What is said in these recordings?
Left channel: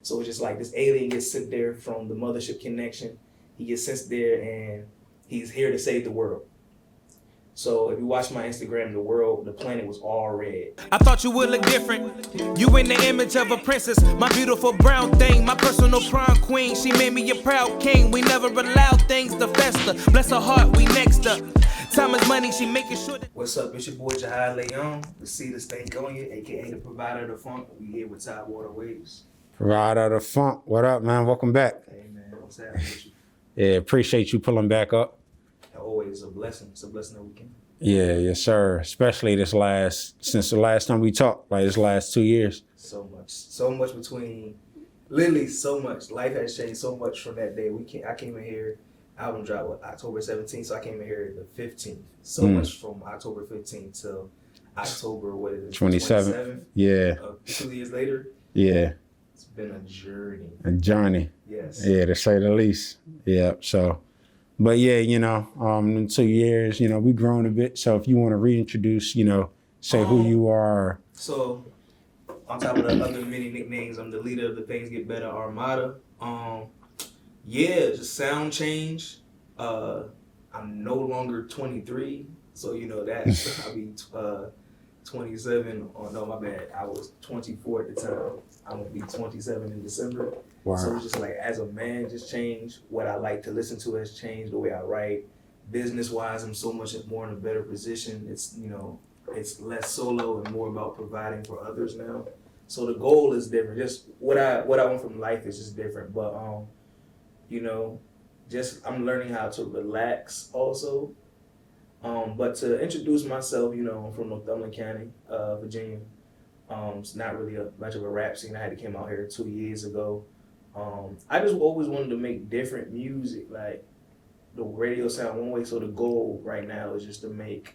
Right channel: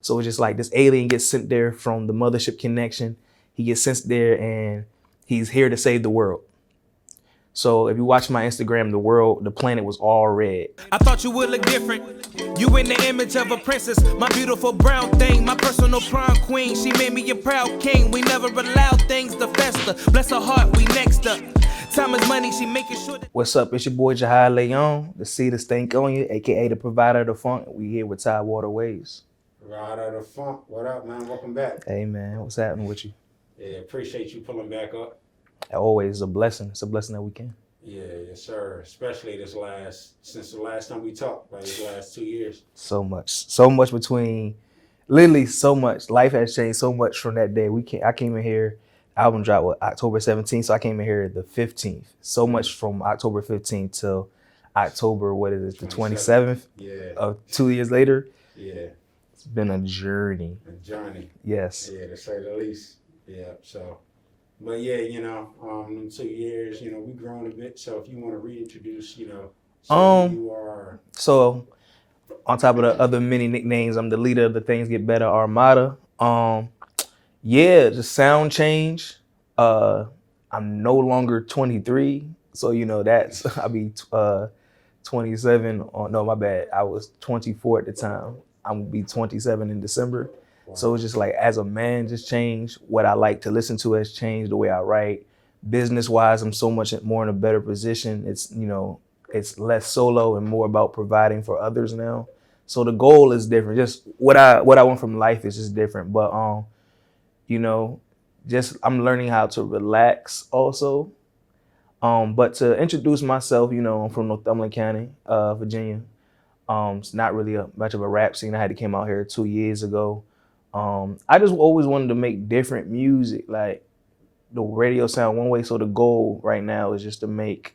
So it's just like this alien gets sent there from the mothership connection. He gets sent there and he's here to save the world. So if you watch my Instagram, the planet was all red. I thought you would look different. You in the image of a princess, my beautiful brown thing, my personal prom queen. She made me a proud king. We never allowed things to fester. Bless her heart, we next up. Time is money, she making sure that. What's up? It's your boy Juhhad Leone, the seed of stink on you, aka the provider of the funk. We here with Tidewater Waves. Right out of funk. What up, man? Welcome back. Hey man, what's happening with you? Yeah, appreciate you pulling back up. Always a blessing. It's a blessing that we can. Yeah, yes, sir. Especially since the last time we talked, like this last 2 years. So much between, literally so much. Life has changed so much from that day. I came in here, album dropped October 17th, so I came in here the 15th. So much from October 15th till October, 27th? Yeah. 2 years later. Yeah. It's been a journey. A journey. Yes. Yeah, to say the least. Yeah, so. But yeah, in 2 years, we grown a bit. So if you want to reintroduce, say who you are. So on top of the other many nicknames, I'm the leader of the Things Get Better Armada. Just sound change. I'm no longer 23. So, that's, I'll be 27. Oh, no, my bad. I was 24 at the time. I'm gonna be 27 in December. Wow. So it's just like, as a man, just changed. What I like to listen to has changed, the way I write. Business-wise, I'm so much more in a better position. It's, it's less solo and more about providing for others now. So the goal is different. Just what I want from life is just different. But, I'm learning how to relax also. But to introduce myself, I'm from Northumberland County, Virginia. It's not really much of a rap scene. I had to came out here 2 years ago. I just always wanted to make different music, like the radio sound one way. So the goal right now is just to make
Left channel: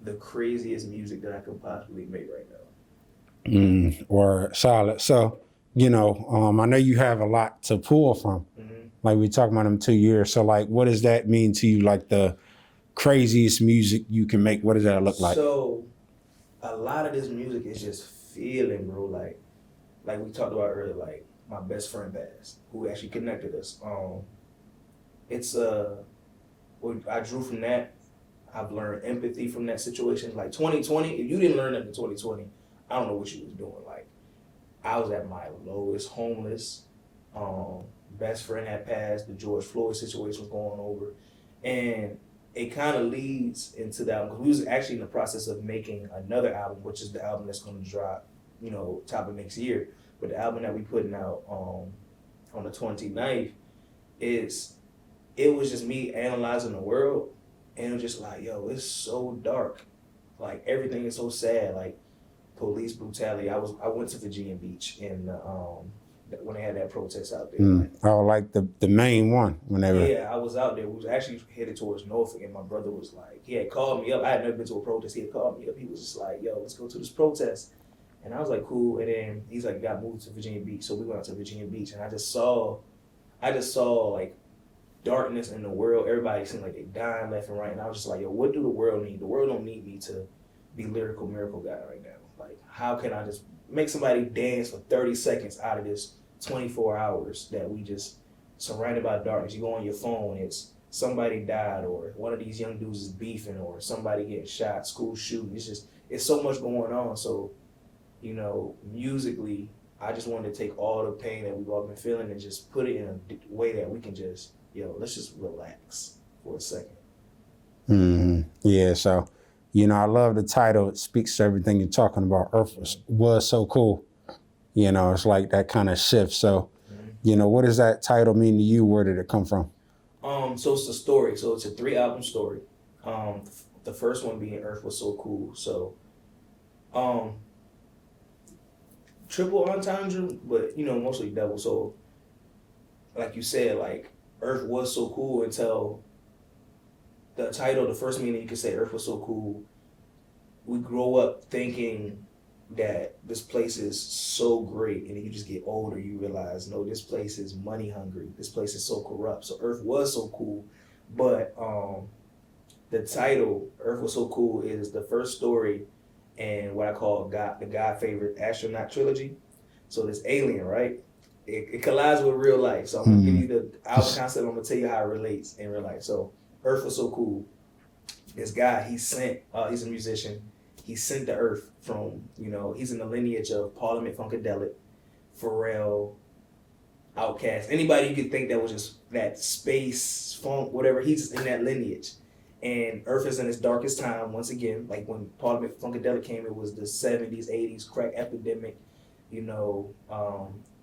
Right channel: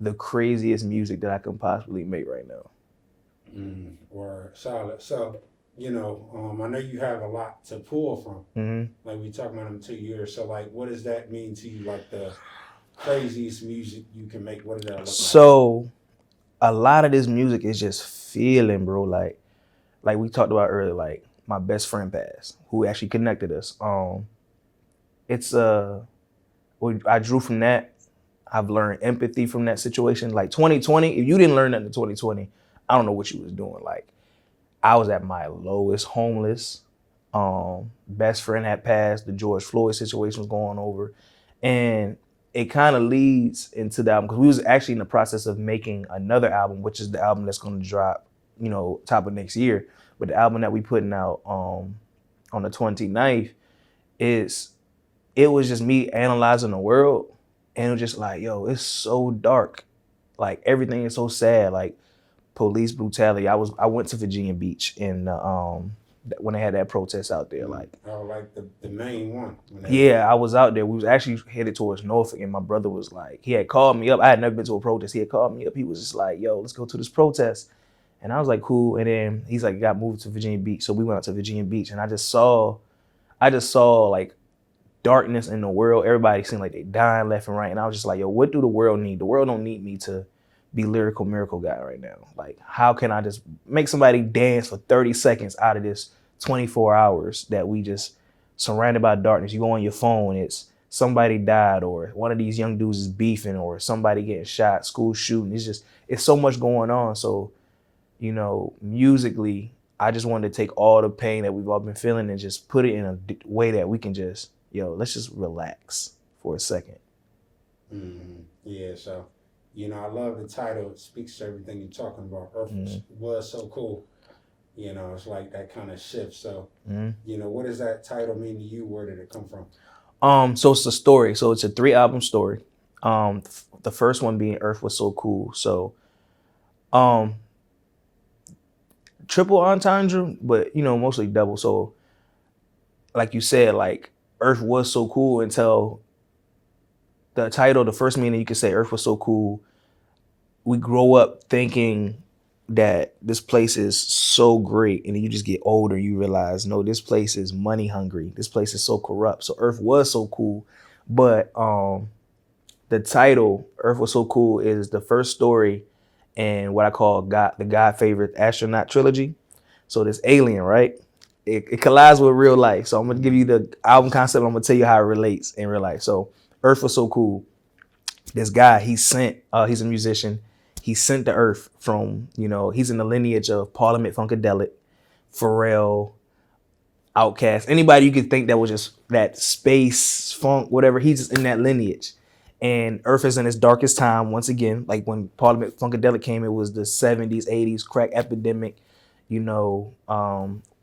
the craziest music that I can possibly make right now. Or solid. So, I know you have a lot to pull from. Mm-hmm. Like we talking about them 2 years. So like, what does that mean to you? Like the craziest music you can make? What does that look like? So a lot of this music is just feeling, bro. Like we talked about earlier, like my best friend passed, who actually connected us. I drew from that. I've learned empathy from that situation. Like 2020, if you didn't learn that in 2020, I don't know what you was doing. Like I was at my lowest, homeless. Best friend had passed. The George Floyd situation was going over, and it kind of leads into the album, because we was actually in the process of making another album, which is the album that's going to drop, top of next year. But the album that we putting out on the 29th it was just me analyzing the world, and it was just like, yo, it's so dark. Like everything is so sad, like police brutality. I went to Virginia Beach and when they had that protest out there. Like the main one. Yeah, I was out there. We was actually headed towards Norfolk, and my brother was like, he had called me up. I had never been to a protest. He had called me up. He was just like, yo, let's go to this protest. And I was like, cool. And then he's like, got moved to Virginia Beach. So we went out to Virginia Beach, and I just saw like darkness in the world. Everybody seemed like they dying left and right. And I was just like, yo, what do the world need? The world don't need me to be lyrical miracle guy right now. Like, how can I just make somebody dance for 30 seconds out of this 24 hours that we just surrounded by darkness? You go on your phone, it's somebody died, or one of these young dudes is beefing, or somebody getting shot, school shooting. It's so much going on. So, musically, I just wanted to take all the pain that we've all been feeling and just put it in a way that we can just, let's just relax for a second. Mm-hmm. Yeah, so, I love the title. It speaks to everything you're talking about. Earth was so cool. It's like that kind of shift. So, what does that title mean to you? Where did it come from? So it's a story. So it's a 3-album story. The first one being Earth Was So Cool. So, triple entendre, but mostly double. So like you said, like Earth was so cool until the title, the first meaning you could say Earth was so cool. We grow up thinking that this place is so great, and then you just get older, you realize, no, this place is money hungry. This place is so corrupt. So Earth was so cool. But the title, Earth Was So Cool, is the first story in what I call the God favorite astronaut trilogy. So this alien, right? it collides with real life. So I'm gonna give you the album concept. I'm gonna tell you how it relates in real life. So Earth was so cool. This guy, he's a musician. He sent to Earth from, he's in the lineage of Parliament Funkadelic, Pharrell, Outkast, anybody you could think that was just that space funk, whatever. He's just in that lineage. And Earth is in its darkest time once again. Like when Parliament Funkadelic came, it was the 70s, 80s, crack epidemic.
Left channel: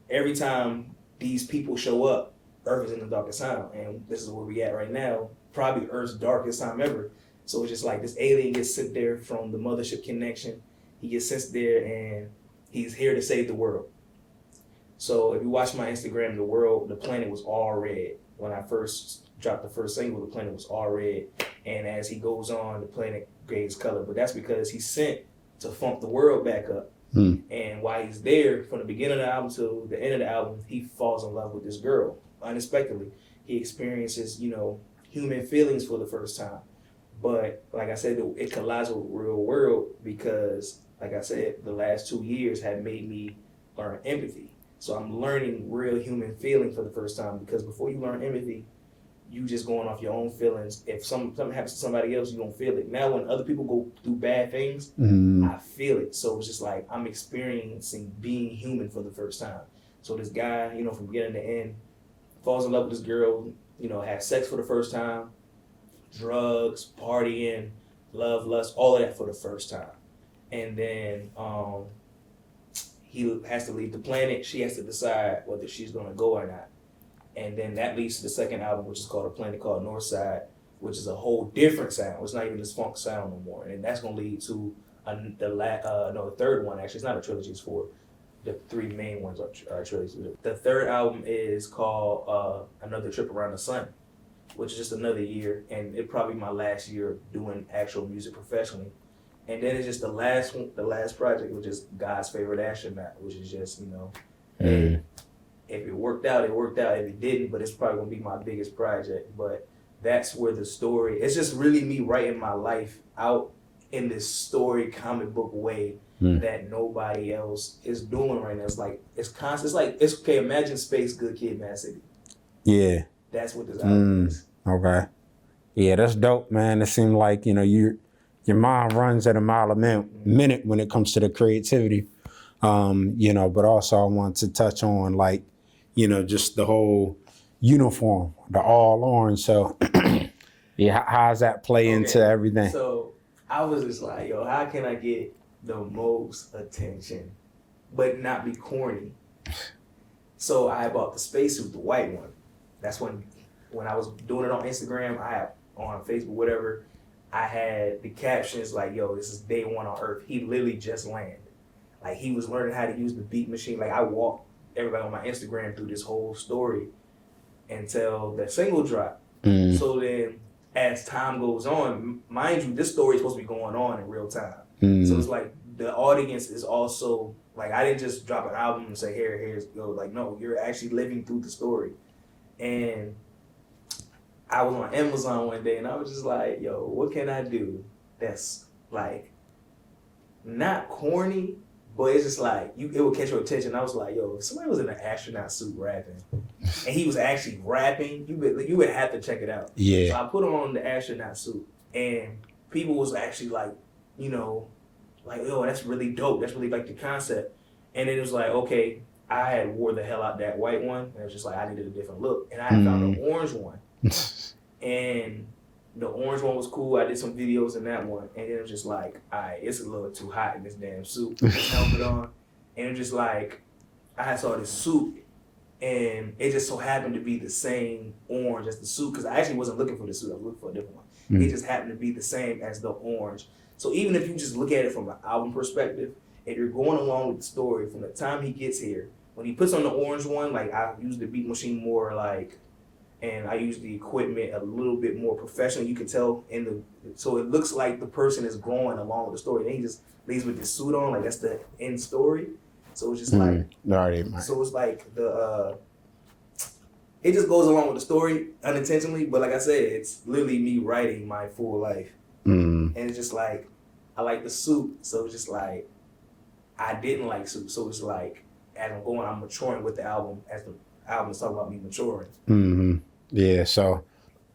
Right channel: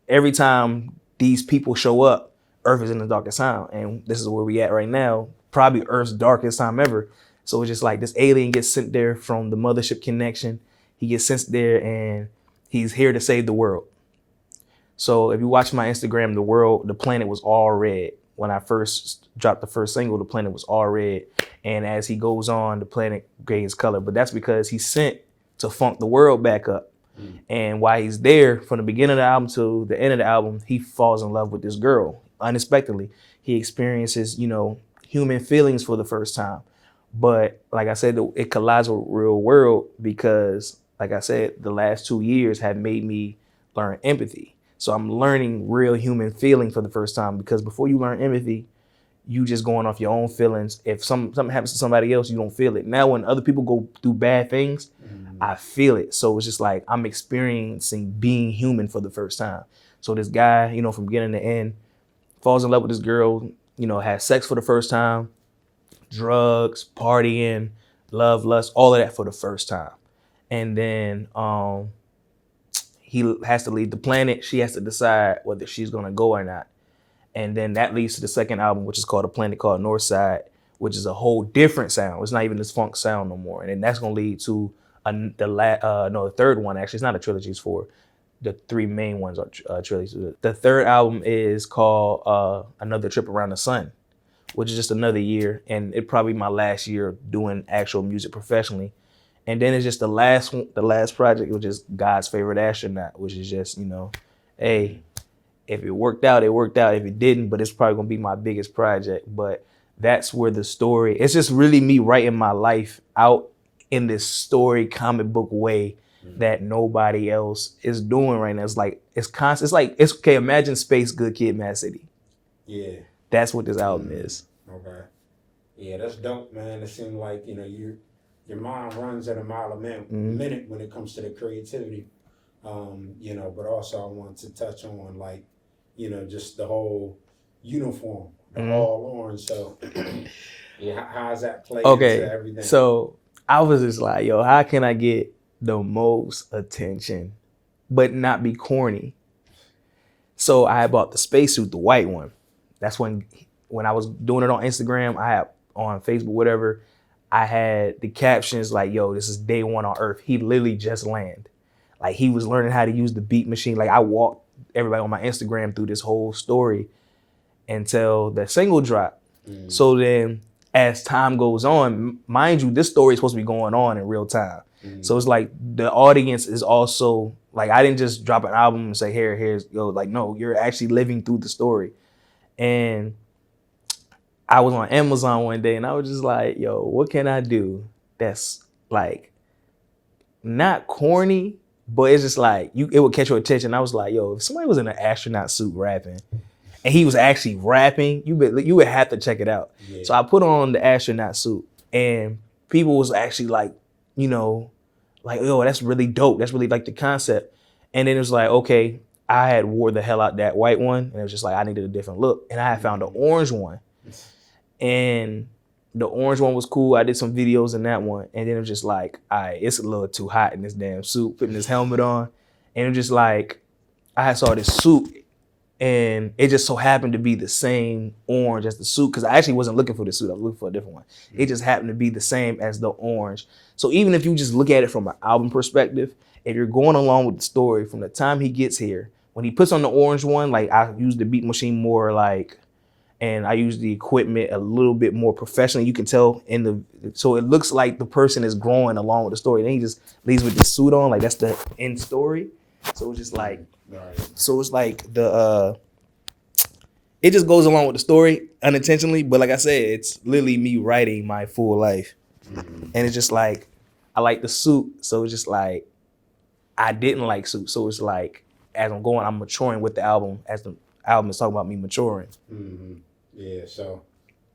Every time these people show up, Earth is in the darkest time. And this is where we at right now, probably Earth's darkest time ever. So it's just like this alien gets sent there from the mothership connection. He gets sent there and he's here to save the world. So if you watch my Instagram, the planet was all red. When I first dropped the first single, the planet was all red. And as he goes on, the planet gains color. But that's because he's sent to funk the world back up. And while he's there, from the beginning of the album to the end of the album, he falls in love with this girl unexpectedly. He experiences, human feelings for the first time. But like I said, it collides with real world because, like I said, the last 2 years have made me learn empathy. So I'm learning real human feeling for the first time, because before you learn empathy, you just going off your own feelings. If something happens to somebody else, you don't feel it. Now when other people go through bad things, I feel it. So it's just like I'm experiencing being human for the first time. So this guy, from beginning to end, falls in love with this girl, has sex for the first time, drugs, partying, love, lust, all of that for the first time. And then he has to leave the planet. She has to decide whether she's going to go or not. And then that leads to the second album, which is called A Planet Called Northside, which is a whole different sound. It's not even this funk sound no more. And that's going to lead to the third one. Actually, it's not a trilogy. It's four. The three main ones are trilogies. The third album is called Another Trip Around the Sun, which is just another year. And it probably my last year doing actual music professionally. And then it's just the last project, which is God's Favorite Astronaut, which is just, hey, if it worked out, it worked out. If it didn't, but it's probably going to be my biggest project. But that's where the story, it's just really me writing my life out in this story comic book way that nobody else is doing right now. It's like, it's constant. It's like, it's okay. Imagine Space, Good Kid, Mad City. Yeah. That's what this album is. Okay. Yeah, that's dope, man. It seemed like, your mind runs at a mile a minute when it comes to the creativity. But also I want to touch on just the whole uniform, the all orange. So yeah, how's that play into everything? So I was just like, yo, how can I get the most attention but not be corny? So I bought the spacesuit, the white one. That's when I was doing it on Instagram, I had on Facebook, whatever, I had the captions like, yo, this is day one on Earth. He literally just landed. Like he was learning how to use the beat machine. Like I walked everybody on my Instagram through this whole story until the single dropped. So then as time goes on, mind you, this story is supposed to be going on in real time. So it's like the audience is also like, I didn't just drop an album and say, here's yo, like, no, you're actually living through the story. And I was on Amazon one day and I was just like, yo, what can I do that's like not corny, but it's just like it would catch your attention. I was like, yo, if somebody was in an astronaut suit rapping and he was actually rapping, you would have to check it out. Yeah. So I put on the astronaut suit and people was actually like, like, oh, that's really dope. That's really like the concept. And then it was like, okay, I had wore the hell out that white one and it was just like, I needed a different look. And I had found an orange one. And the orange one was cool. I did some videos in that one. And then it was just like, all right, it's a little too hot in this damn suit, putting this helmet on. And it was just like, I saw this suit and it just so happened to be the same orange as the suit. Because I actually wasn't looking for the suit. I was looking for a different one. It just happened to be the same as the orange. So even if you just look at it from an album perspective, if you're going along with the story from the time he gets here, when he puts on the orange one, like I use the beat machine more like, and I use the equipment a little bit more professionally. You can tell so it looks like the person is growing along with the story. Then he just leaves with the suit on, like that's the end story. So it's just like, so it's like it just goes along with the story unintentionally. But like I said, it's literally me writing my full life. And it's just like, I like the suit. So it's just like, I didn't like suit. So it's like, as I'm going, I'm maturing with the album as the album is talking about me maturing. Mm-hmm. Yeah, so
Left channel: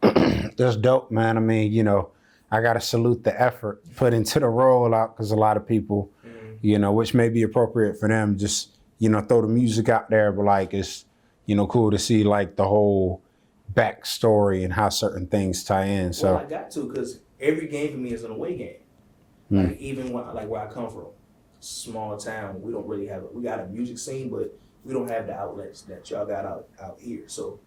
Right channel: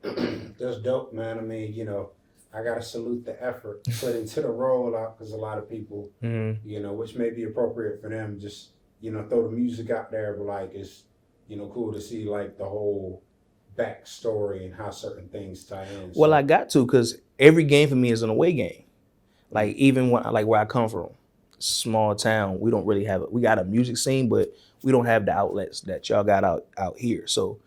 that's dope, man. I mean, you know, I gotta salute the effort put into the rollout because a lot of people, you know, which may be appropriate for them, just, you know, throw the music out there, but like it's, you know, cool to see like the whole backstory and how certain things tie in. So, Well, I got to, because every game for me is an away game. Like even when, like where I come from, small town, we don't really have we got a music scene, but we don't have the outlets that y'all got out here. So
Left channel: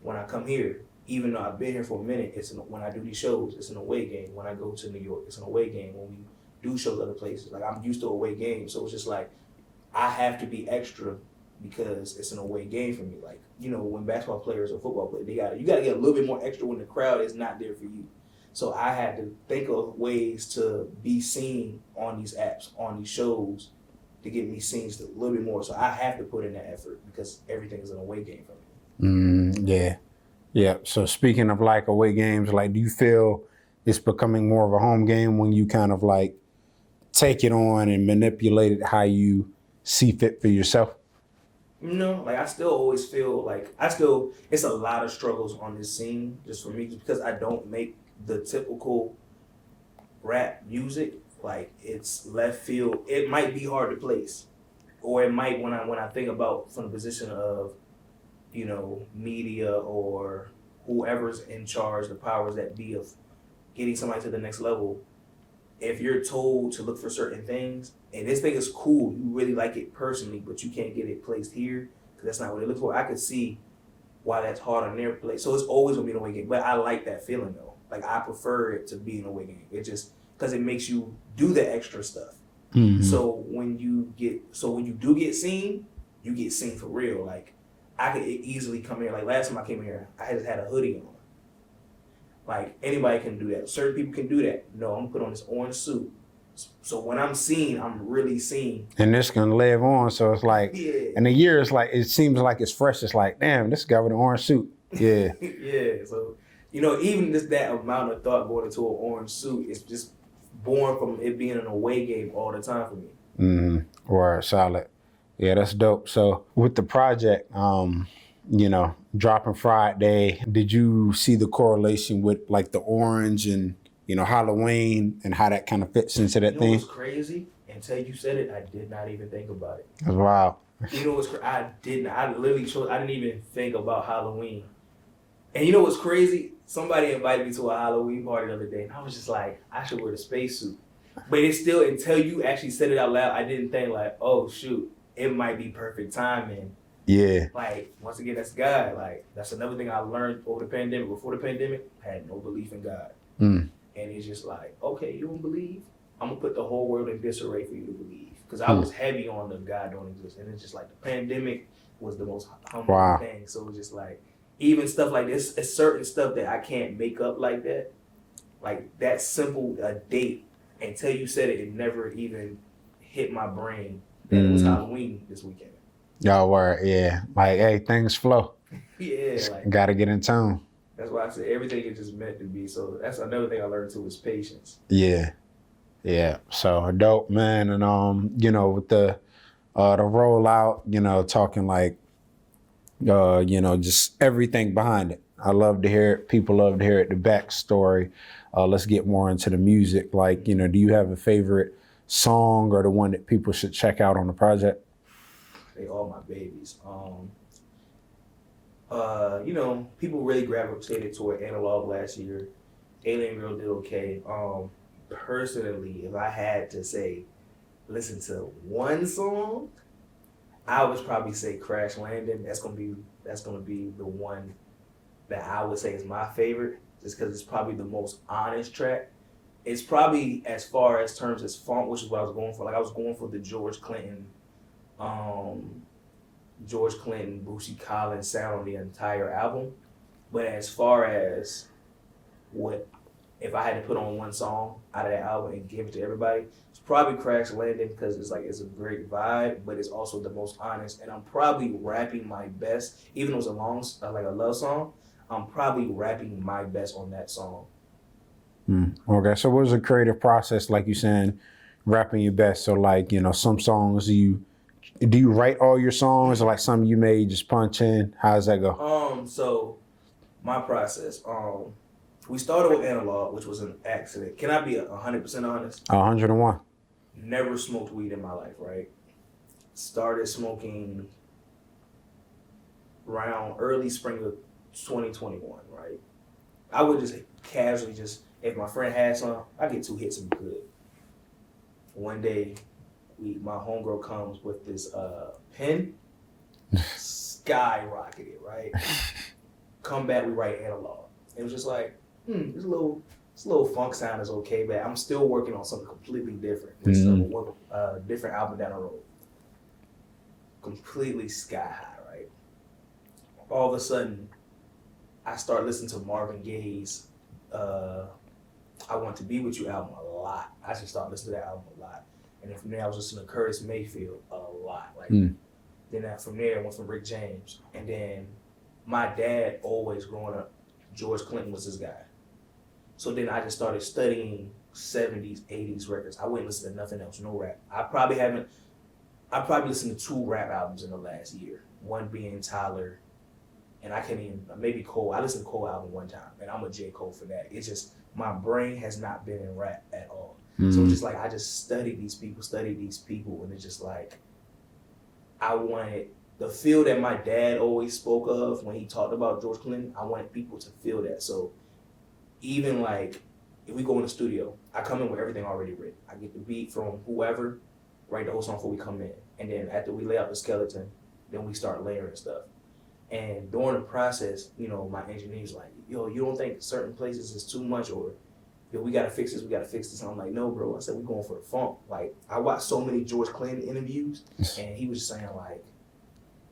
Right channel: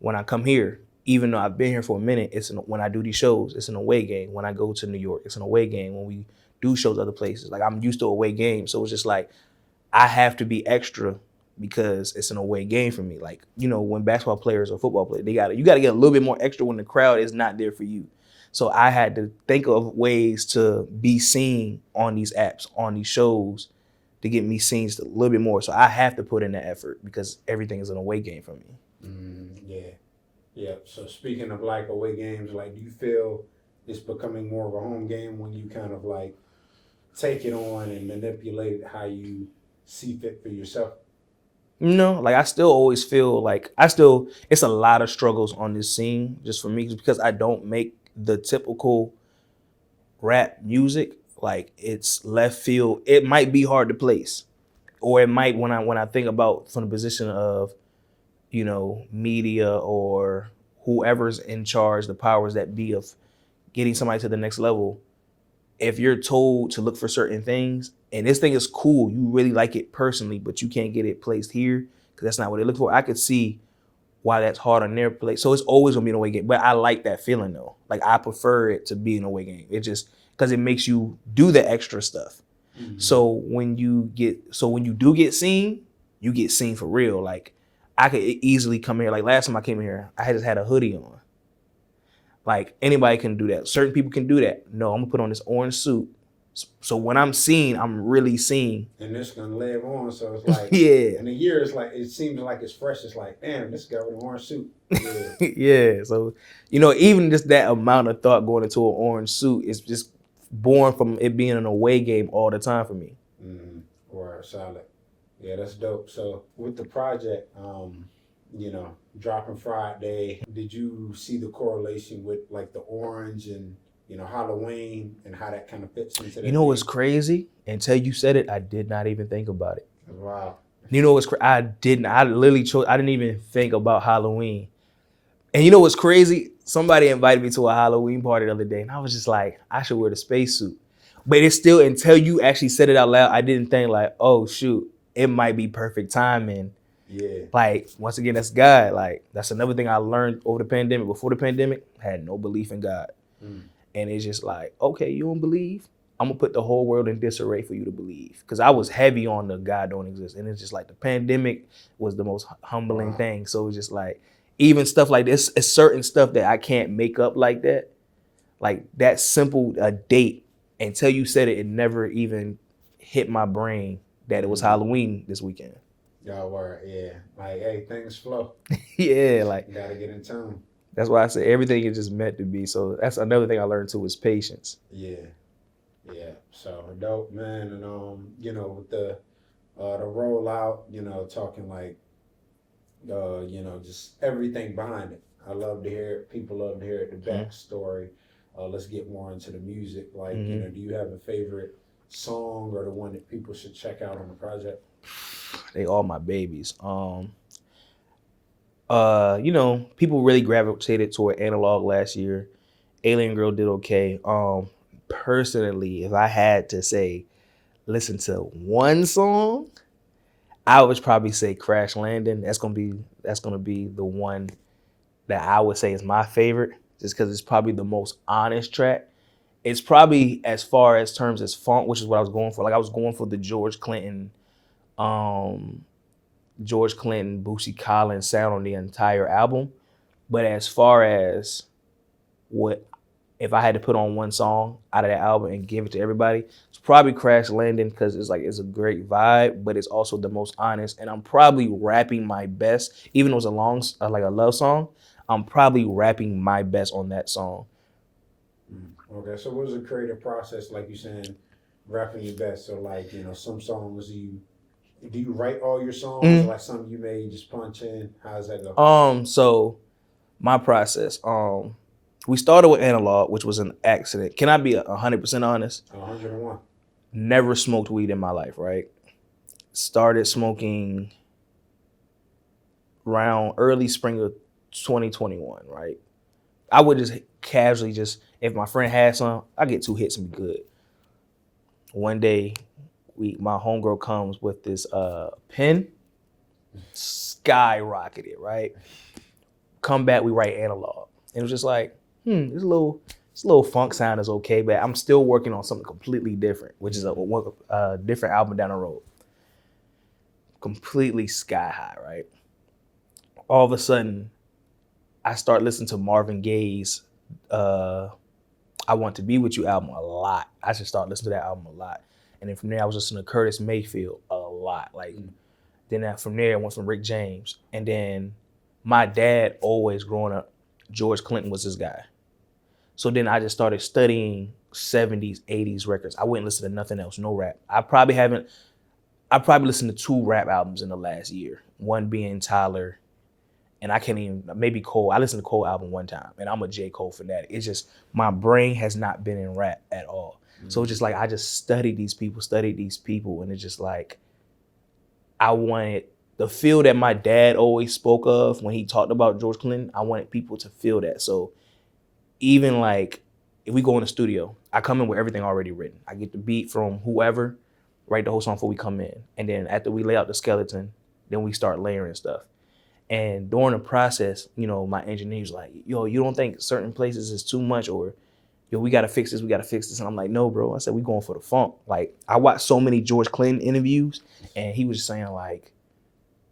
when I come here, even though I've been here for a minute, when I do these shows, it's an away game. When I go to New York, it's an away game. When we do shows other places, like I'm used to away games, so it's just like I have to be extra because it's an away game for me. Like, you know, when basketball players or football players, you gotta get a little bit more extra when the crowd is not there for you. So I had to think of ways to be seen on these apps, on these shows, to get me seen a little bit more. So I have to put in the effort because everything is an away game for me. Yeah. Yeah. So speaking of like away games, like do you feel it's becoming more of a home game when you kind of like take it on and manipulate it how you see fit for yourself? No, like I still always feel like it's a lot of struggles on this scene just for me because I don't make the typical rap music. Like it's left field. It might be hard to place, or it might when I think about from the position of, you know, media or whoever's in charge, the powers that be of getting somebody to the next level. If you're told to look for certain things and this thing is cool, you really like it personally, but you can't get it placed here because that's not what they look for. I could see why that's hard on their place. So it's always gonna be an away game. But I like that feeling though. Like I prefer it to be an away game. It just because it makes you do the extra stuff. So when you do get seen, you get seen for real. Like I could easily come here. Like last time I came here, I just had a hoodie on. Like anybody can do that. Certain people can do that. No, I'm gonna put on this orange suit. So when I'm seen, I'm really seen. And this can live on. So it's like, yeah. In a year, it's like, it seems like it's fresh. It's like, damn, this guy with an orange suit. Yeah. Yeah. So, you know, even just that amount of thought going into an orange suit is just born from it being an away game all the time for me. Or solid. Yeah, that's dope. So with the project, you know, dropping Friday, did you see the correlation with like the orange and, you know, Halloween and how that kind of fits into that You know thing? what's crazy? Until you said it, I did not even think about it. That's wild. You know what's crazy? I didn't even think about Halloween. And you know what's crazy? Somebody invited me to a Halloween party the other day, and I was just like, I should wear the spacesuit. But it's still, until you actually said it out loud, I didn't think like, oh shoot, it might be perfect timing. Yeah. Like, once again, that's God. Like, that's another thing I learned over the pandemic. Before the pandemic, I had no belief in God. And it's just like, okay, you don't believe? I'm gonna put the whole world in disarray for you to believe. Because I was heavy on the God don't exist. And it's just like the pandemic was the most humbling thing. So it's just like, even stuff like this, it's certain stuff that I can't make up like that. Like that simple date, until you said it, it never even hit my brain that it was Halloween this weekend. Y'all were, yeah. Like, hey, things flow. Yeah, like gotta get in tune. That's why I say everything is just meant to be. So that's another thing I learned too is patience. Yeah. Yeah. So dope, man. And you know, with the rollout, you know, talking like you know, just everything behind it. I love to hear it. People love to hear it, the backstory. Let's get more into the music. Like, you know, do you have a favorite song or the one that people should check out on the project? They all my babies. You know, people really gravitated toward Analog last year. Alien Girl did okay. Personally, if I had to say, listen to one song, I would probably say Crash Landing. That's gonna be the one that I would say is my favorite, just because it's probably the most honest track. It's probably, as far as terms as funk, which is what I was going for. Like I was going for the George Clinton, Bootsy Collins sound on the entire album. But as far as what, if I had to put on one song out of that album and give it to everybody, it's probably Crash Landing, because it's a great vibe, but it's also the most honest. And I'm probably rapping my best, even though it's like a love song, I'm probably rapping my best on that song. Okay, so what was the creative process, like you saying, rapping your best? So like, you know, some songs you do you write all your songs or like something you made just punch in? How does that go? So my process, we started with analog, which was an accident. Can I be 100% honest? 101. Never smoked weed in my life, right? Started smoking around early spring of 2021, right? I would just casually if my friend had some, I get 2 hits and be good. One day, my homegirl comes with this pen, skyrocketed, right? Come back, we write analog. It was just like, this little funk sound is okay, but I'm still working on something completely different, which is a different album down the road. Completely sky high, right? All of a sudden, I start listening to Marvin Gaye's I Want to Be With You album a lot. I should start listening to that album a lot. And then from there, I was listening to Curtis Mayfield a lot. Then from there, I went from Rick James. And then my dad, always growing up, George Clinton was his guy. So then I just started studying 70s, 80s records. I wouldn't listen to nothing else, no rap. I probably listened to 2 rap albums in the last year. One being Tyler, and I can't even, maybe Cole. I listened to Cole album one time, and I'm a J. Cole fanatic. It's just, my brain has not been in rap at all. So it's just like, I just studied these people, and it's just like, I wanted the feel that my dad always spoke of when he talked about George Clinton. I wanted people to feel that. So even like, if we go in the studio, I come in with everything already written. I get the beat from whoever, write the whole song before we come in. And then after we lay out the skeleton, then we start layering stuff. And during the process, my engineer's like, yo, you don't think certain places is too much, or yo, we gotta fix this. And I'm like, no, bro. I said, we going for the funk. Like, I watched so many George Clinton interviews, and he was just saying like,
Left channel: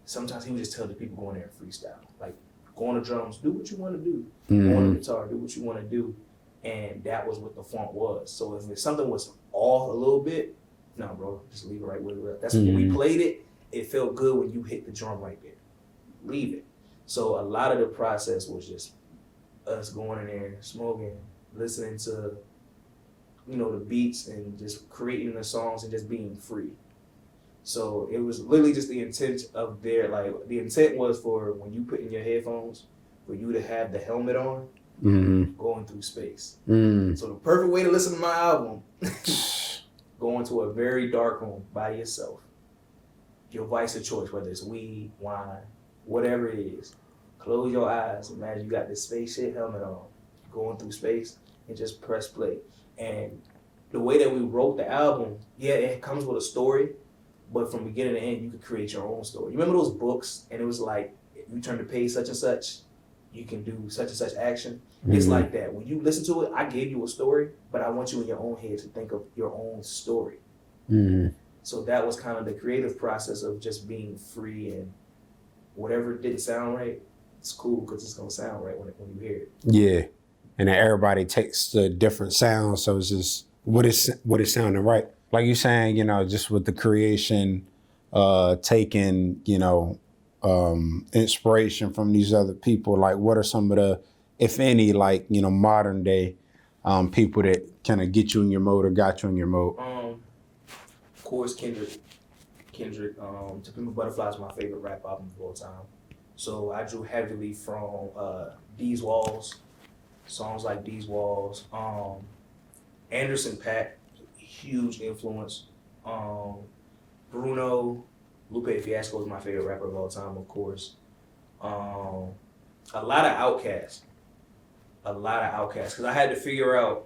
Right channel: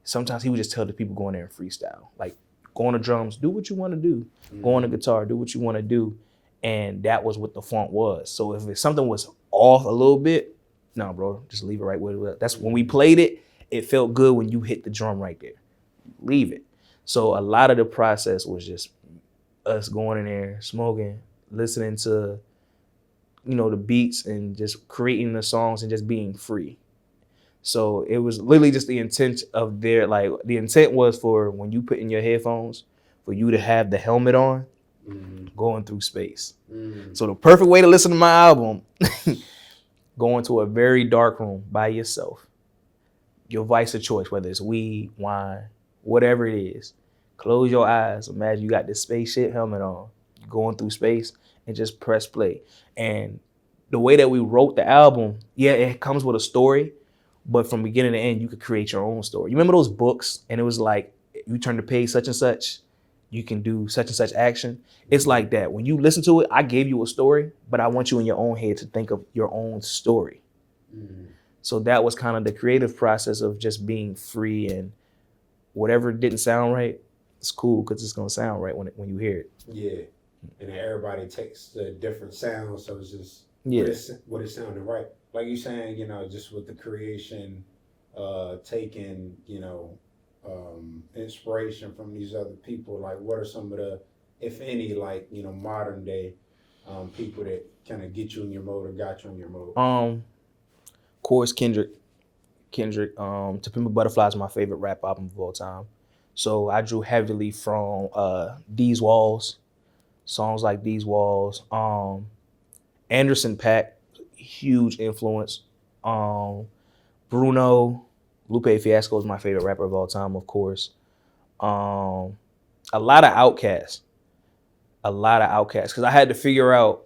sometimes he would just tell the people go in there and freestyle. Like, go on the drums, do what you want to do. Go on the guitar, do what you want to do. And that was what the funk was. So if something was off a little bit, no, bro, just leave it right where it was. That's when we played it. It felt good when you hit the drum right there. Leave it. So a lot of the process was just us going in there, smoking, listening to, the beats, and just creating the songs and just being free. So it was literally just the intent of the intent was for when you put in your headphones, for you to have the helmet on, going through space. So the perfect way to listen to my album, go into a very dark room by yourself. Your vice of choice, whether it's weed, wine, whatever it is. Close your eyes. Imagine you got this spaceship helmet on, going through space, and just press play. And the way that we wrote the album, it comes with a story, but from beginning to end, you could create your own story. You remember those books? And it was like, you turn the page such and such, you can do such and such action. It's like that. When you listen to it, I gave you a story, but I want you in your own head to think of your own story. So that was kind of the creative process of just being free, and whatever didn't sound right, it's cool because it's gonna sound right when you hear it. Yeah, and then everybody takes the different sounds, so it's just what is sounding right. Like you're saying, just with the creation, taking, inspiration from these other people. Like, what are some of the, if any, like, modern day people that kind of get you in your mode or got you in your mode? Of course, Kendrick, To Pimp a Butterfly is my favorite rap album of all time. So I drew heavily from These Walls, songs like These Walls. Anderson .Paak, huge influence. Bruno, Lupe Fiasco is my favorite rapper of all time, of course. A lot of Outkast. Because I had to figure out,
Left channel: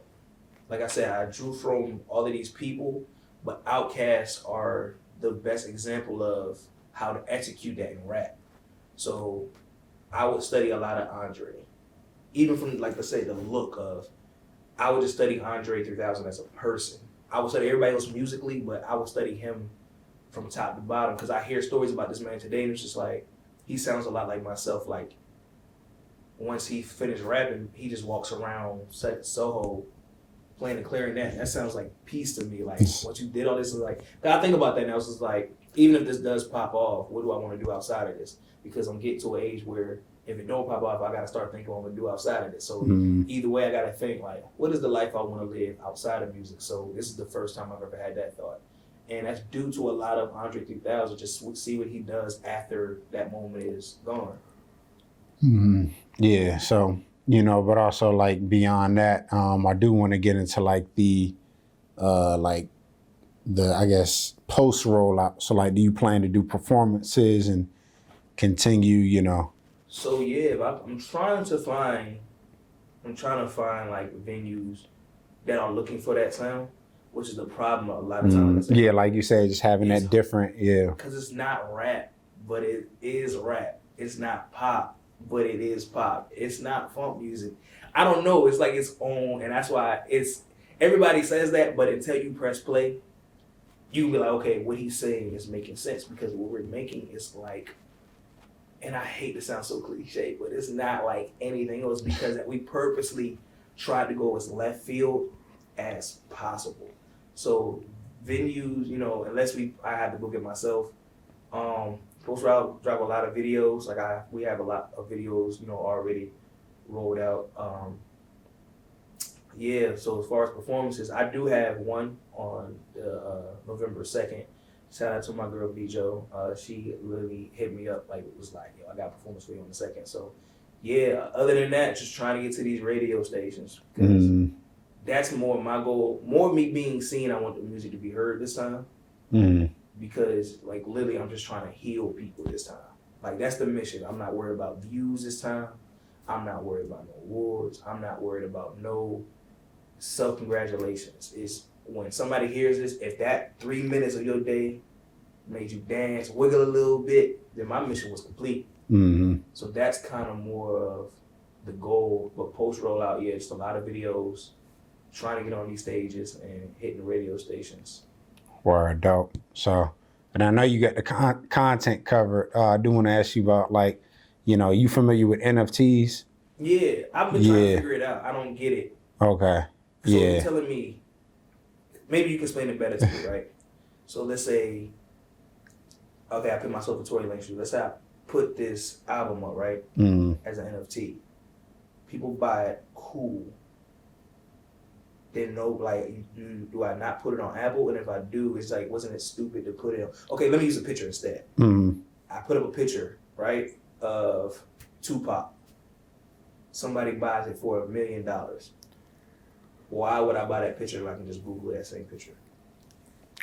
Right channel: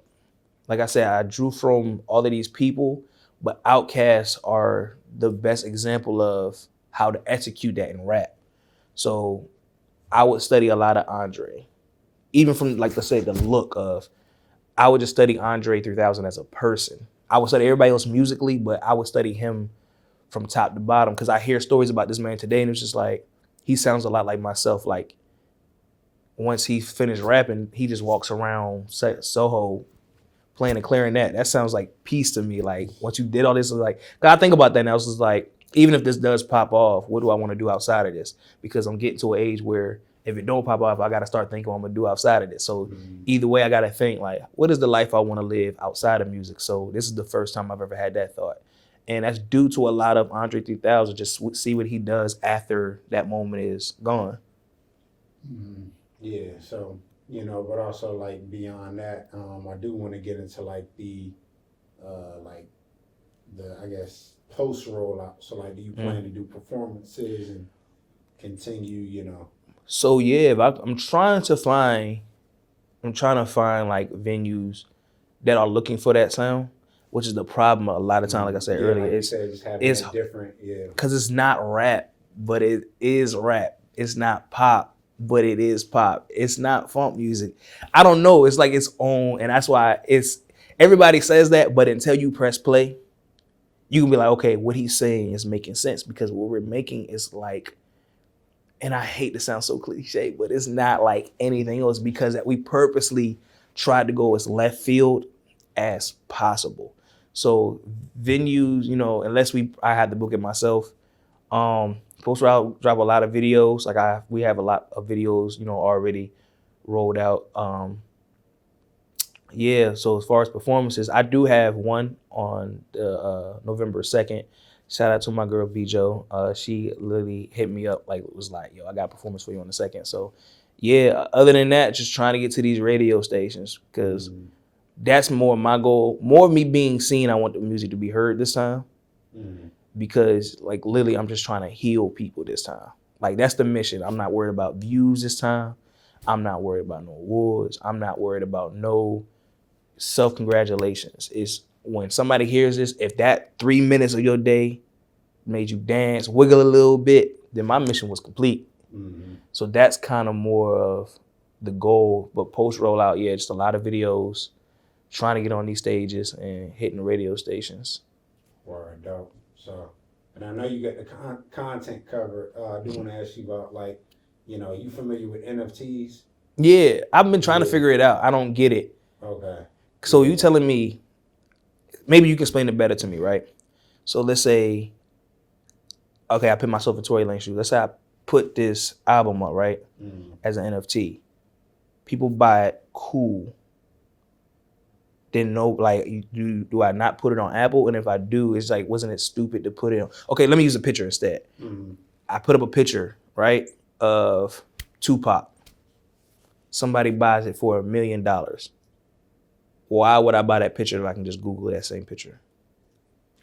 like I said, I drew from all of these people, but Outkast are the best example of how to execute that in rap. So I would study a lot of Andre. Even from, like, let's say, the look of, I would just study Andre 3000 as a person. I would study everybody else musically, but I would study him from top to bottom, because I hear stories about this man today, and it's just like, he sounds a lot like myself. Like, once he finished rapping, he just walks around Soho playing the clarinet. That sounds like peace to me. Like, once you did all this, like, I think about that and I was just like, even if this does pop off, what do I want to do outside of this? Because I'm getting to an age where if it don't pop off, I got to start thinking what I'm going to do outside of this. So either way, I got to think, like, what is the life I want to live outside of music? So this is the first time I've ever had that thought. And that's due to a lot of Andre 3000. Just see what he does after that moment is gone. Yeah. So, but also like beyond that, I do want to get into like the I guess post rollout. So like, do you plan to do performances and continue, So yeah, I'm trying to find like venues that are looking for that sound, which is the problem a lot of times. Like I said, yeah, earlier, like you said, just having it's that different, yeah. because it's not rap, but it is rap. It's not pop, but it is pop. It's not funk music. I don't know. It's like its own, and that's why everybody says that, but until you press play, you can be like, okay, what he's saying is making sense because what we're making is like, and I hate to sound so cliche, but it's not like anything else because that we purposely tried to go as left field as possible. So venues, unless I had to book it myself, Post Route drop a lot of videos. Like we have a lot of videos, already rolled out. Yeah, so as far as performances, I do have one on the November 2nd. Shout out to my girl Bijo. She literally hit me up was like, yo, I got a performance for you on the 2nd. So yeah, other than that, just trying to get to these radio stations because that's more my goal. More of me being seen, I want the music to be heard this time. Because like literally I'm just trying to heal people this time. Like that's the mission. I'm not worried about views this time. I'm not worried about no awards. I'm not worried about no self-congratulations. It's when somebody hears this, if that 3 minutes of your day made you dance, wiggle a little bit, then my mission was complete. So that's kind of more of the goal. But post rollout, yeah, just a lot of videos, trying to get on these stages and hitting the radio stations. Word, dope. So, and I know you got the content covered. I do want to ask you about you familiar with NFTs? Yeah, I've been trying to figure it out. I don't get it. Okay. So you telling me, maybe you can explain it better to me, right? So let's say, okay, I put myself in Tory Lane's shoes. Let's say I put this album up, right, as an NFT. People buy it, cool. Then no, like, do I not put it on Apple? And if I do, it's like, wasn't it stupid to put it on? Okay, let me use a picture instead. I put up a picture, right, of Tupac. Somebody buys it for $1 million. Why would I buy that picture if I can just Google that same picture?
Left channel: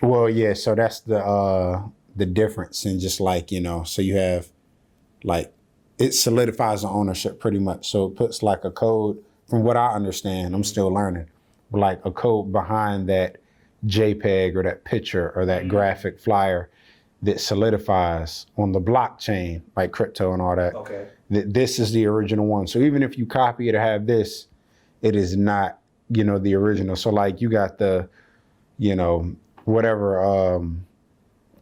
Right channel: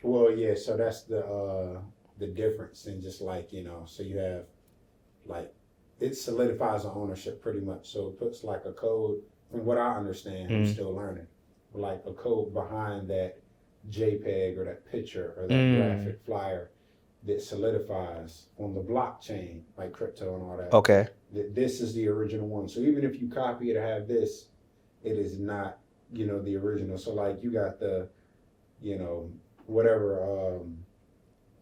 Well, yeah, so that's the difference in just so you have it solidifies the ownership pretty much. So it puts like a code, from what I understand, I'm still learning, but like a code behind that JPEG or that picture or that graphic flyer that solidifies on the blockchain, like crypto and all that. Okay. That this is the original one. So even if you copy it or have this, it is not, the original. So like you got the, whatever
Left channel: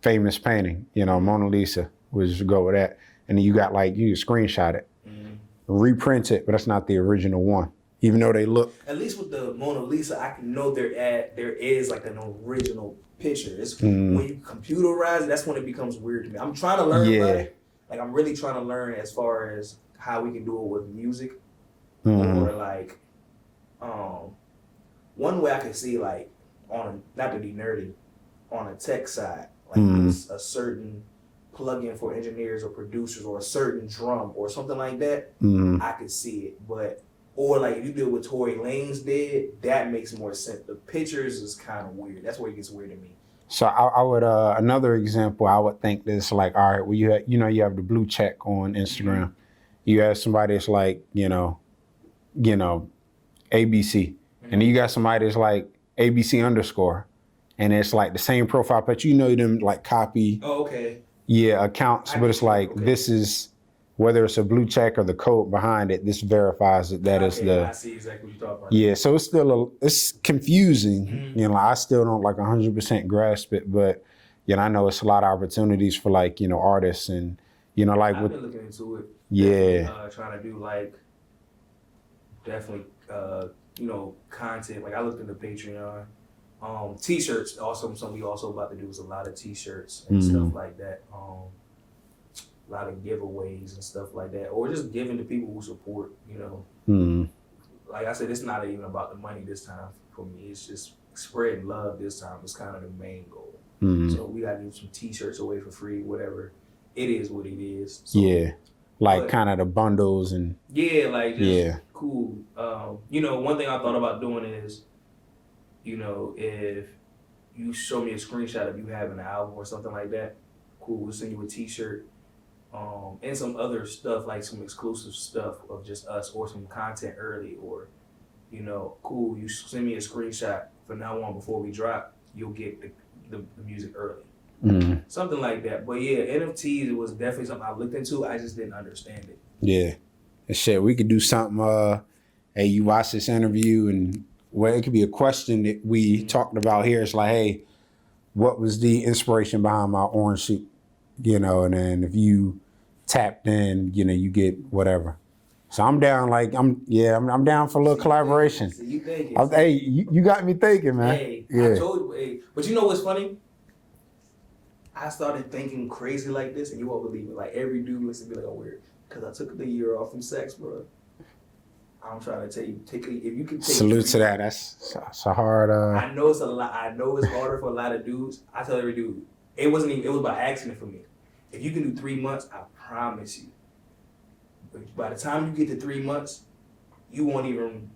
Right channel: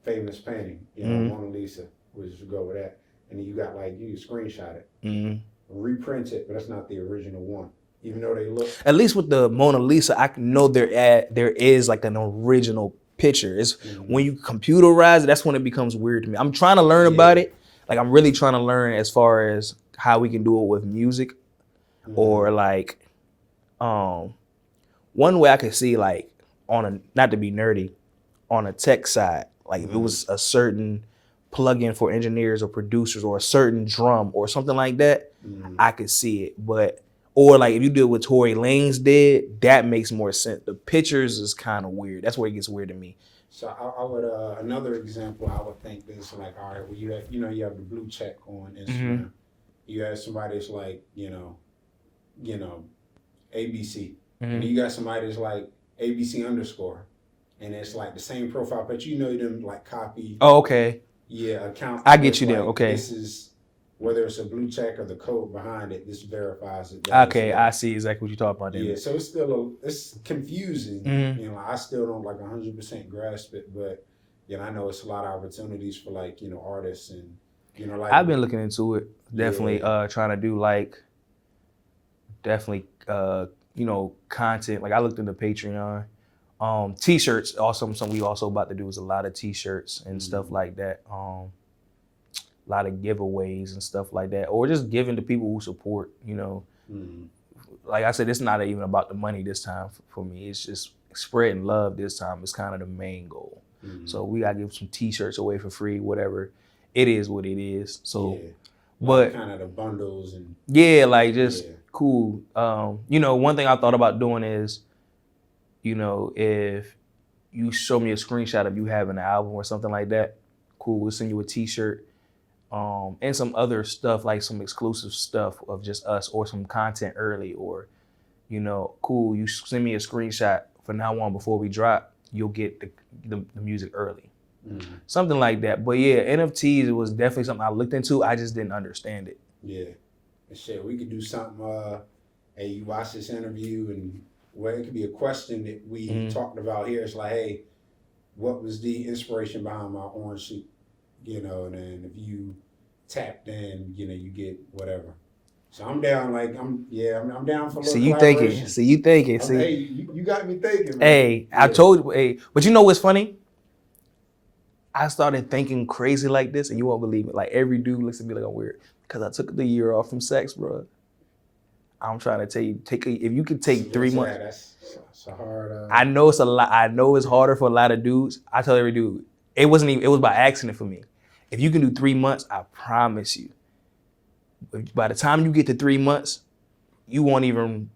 famous painting, Mona Lisa, we'll just go with that. And then you got you screenshot it, reprint it, but that's not the original one. Even though they look. At least with the Mona Lisa, I know there is like an original picture. It's when you computerize it, that's when it becomes weird to me. I'm trying to learn about it. Like I'm really trying to learn as far as how we can do it with music, or like, one way I could see like not to be nerdy, on a tech side, like if it was a certain plugin for engineers or producers or a certain drum or something like that, I could see it. But or like if you do it with Tory Lanez did, that makes more sense. The pictures is kind of weird. That's where it gets weird to me. So I would another example I would think is like, all right, well you have the blue check on Instagram. You have somebody that's like, ABC. And then you got somebody that's like ABC _ and it's like the same profile, but them like copy. Oh, okay. Yeah, accounts. I get you. Like, okay. This is whether it's a blue check or the code behind it. This verifies it. Okay, I see exactly what you're talking about. Yeah, so it's still it's confusing. I still don't 100% grasp it, but I know it's a lot of opportunities for artists and I've been looking into it. Definitely trying to do content. Like I looked into Patreon. T-shirts also something we also about to do is a lot of T-shirts and stuff like that. A lot of giveaways and stuff like that, or just giving to people who support. Like I said, it's not even about the money this time for me. It's just spreading love this time is kind of the main goal. So we gotta give some t-shirts away for free, whatever. It is what it is. So, yeah. Like kind of the bundles and yeah, like just cool. You know, one thing I thought about doing is, you know, if you show me a screenshot of you having an album or something like that, cool, we'll send you a t-shirt. And some other stuff, like some exclusive stuff of just us or some content early, or, you know, cool, you send me a screenshot from now on before we drop, you'll get the music early. Something like that. But yeah, NFTs, it was definitely something I looked into. I just didn't understand it. Yeah. And shit, we could do something, hey, you watch this interview and well, it could be a question that we talked about here. It's like, hey, what was the inspiration behind my orange suit? You know, and then if you tapped in, you know, you get whatever. So I'm down, like, I'm down for a little collaboration. You thinking. Hey, you got me thinking, man. Hey, I told you, hey, but you know what's funny? I started thinking crazy like this, and you won't believe it. Like, every dude looks at me like I'm weird, because I took the year off from sex, bro. I'm trying to tell you, if you can take Salute 3 months. To that. That's a hard. I know it's a lot. I know it's harder for a lot of dudes. I tell every dude, it wasn't even. It was by accident for me. If you can do 3 months, I promise you, by the time you get to 3 months, you won't even.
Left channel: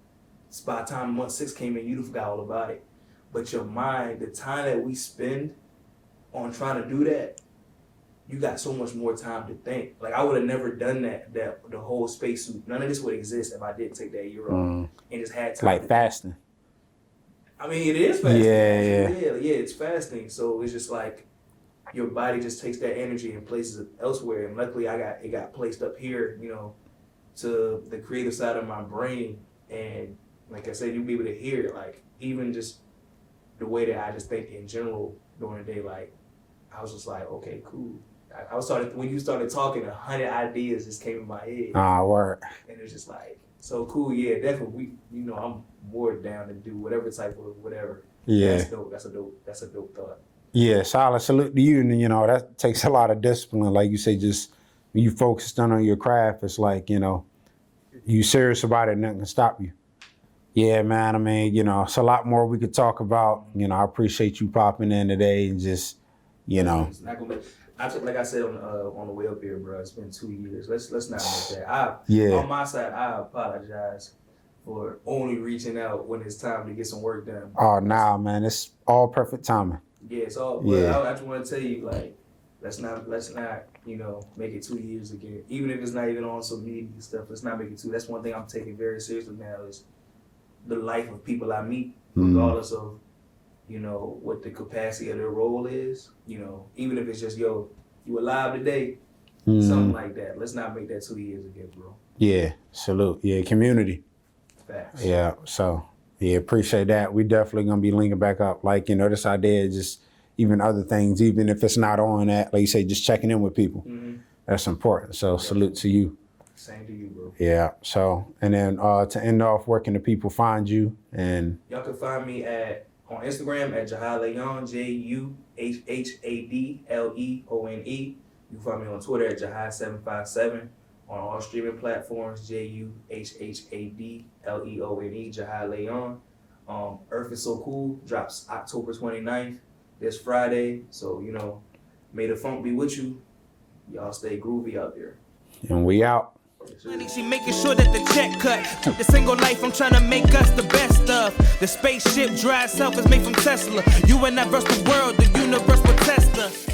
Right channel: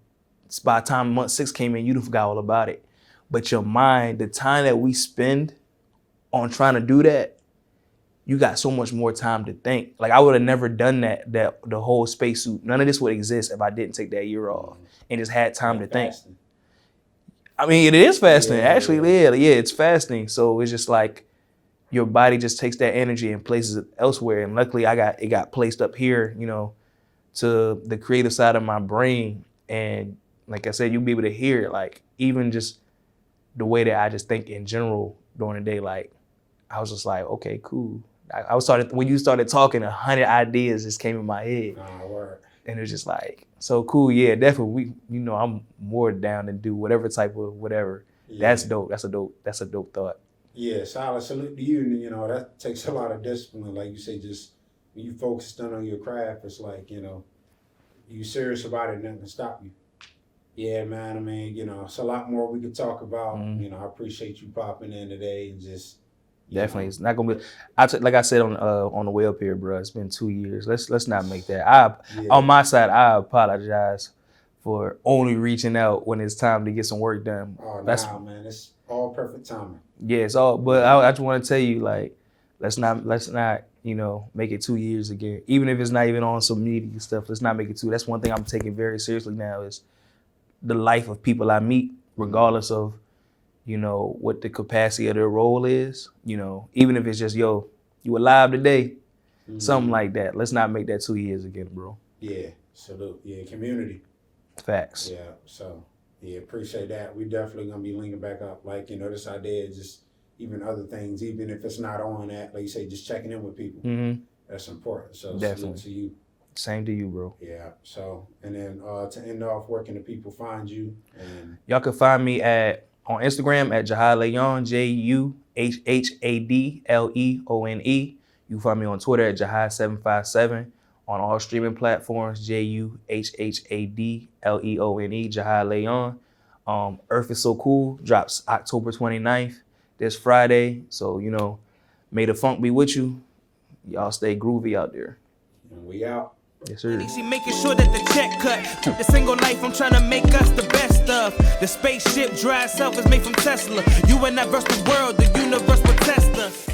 By the time month 6 came in, you'd forgot all about it. But your mind, the time that we spend on trying to do that, you got so much more time to think. Like, I would have never done that the whole spacesuit. None of this would exist if I didn't take that year off and just had time like to fasting. think. I mean, it is fasting. Actually, it's fasting. So it's just like your body just takes that energy and places it elsewhere. And luckily, it got placed up here, you know, to the creative side of my brain. And like I said, you'll be able to hear it. Like, even just the way that I just think in general during the day, like, I was just like, okay, cool. When you started talking, 100 ideas just came in my head. Word. And it was just like, so cool. Yeah, definitely. I'm more down to do whatever type of whatever. Yeah. That's dope. That's a dope thought. Yeah, solid salute to you. And, you know, that takes a lot of discipline. Like you say, just when you focused on your craft, it's like, you know, you serious about it, nothing can stop you. Yeah, man. I mean, you know, it's a lot more we could talk about. You know, I appreciate you popping in today and just, you know. It's not gonna be. Like I said on the way up here, bro. It's been 2 years. Let's not make that. On my side, I apologize for only reaching out when it's time to get some work done. Oh, nah, man. It's all perfect timing. Yeah, it's all. But I just want to tell you, like, let's not, you know, make it 2 years again. Even if it's not even on some media stuff, let's not make it 2. That's one thing I'm taking very seriously now is the life of people I meet, regardless of, you know, what the capacity of their role is. You know, even if it's just, yo, you alive today, something like that. Let's not make that 2 years again, bro. Yeah, salute. Yeah, community. Facts. Yeah, so, yeah, appreciate that. We definitely going to be linking back up. Like, you know, this idea is just even other things, even if it's not on that, like you say, just checking in with people. That's important. So salute to you. Same to you, bro. Yeah. So, and then to end off, where can the people find you? And y'all can find me on Instagram at Juhhad Leone, JUHHADLEONE. You can find me on Twitter at Juhhad757. On all streaming platforms, JUHHADLEONE, Juhhad Leone. Earth is So Cool drops October 29th, this Friday. So, you know, may the funk be with you. Y'all stay groovy out there. And we out. Yes, sir. She making sure that the check cut. The single life I'm trying to make us the best of. The spaceship dry itself is made from Tesla. You and I versus the world, the universe will test us.